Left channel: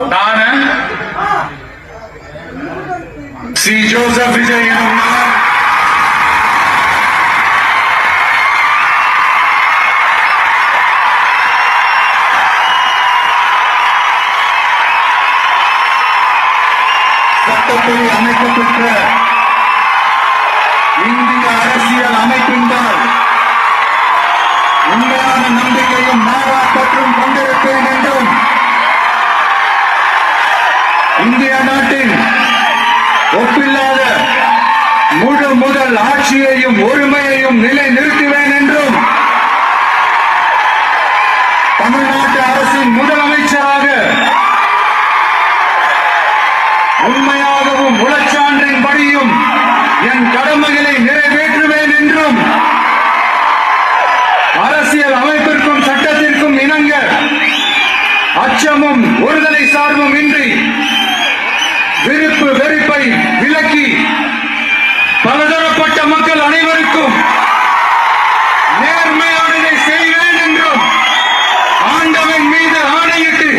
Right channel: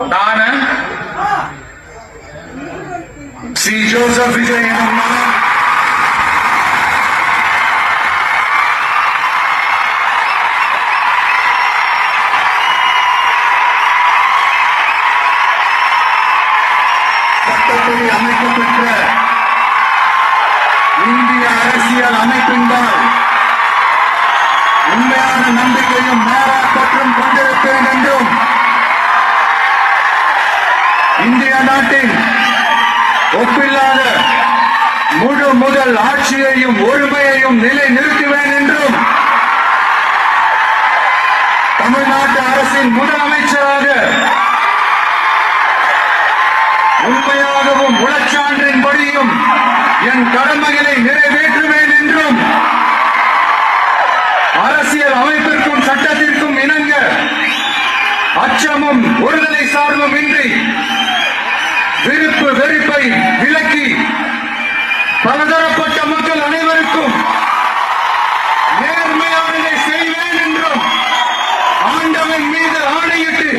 ನಾನು C Joseph Vijay சட்டப்படி அமைக்கப்பட்ட இந்திய அரசியல் அமைப்பின்பால் உண்மையான நம்பிக்கையும் மாறாப்பற்றும் கொண்டிருப்பேன் என்றும் இந்திய நாட்டின் ஒப்பில்லாத முழு முதல் ஆட்சியையும் ஒருமையையும் நிலைநிறுத்துவேன் என்றும் தமிழ்நாட்டு அரசின் முதலமைச்சராக உண்மையாகவும் உளச்சான்றின்படியும் என் கடமைகளை நிறைவேற்றுவேன் என்றும் அரசியல் அமைப்பிற்கும் சட்டத்திற்கும் இணங்க அச்சமும் ஒருதலை சார்பும் இன்றி விருப்பு வெறுப்பை விலக்கி பலதரப்பட்ட மக்கள் அனைவருக்கும் நேர்மையானதை செய்வேன் என்றும் ஆண்டவன் மீது ஆணையிட்டு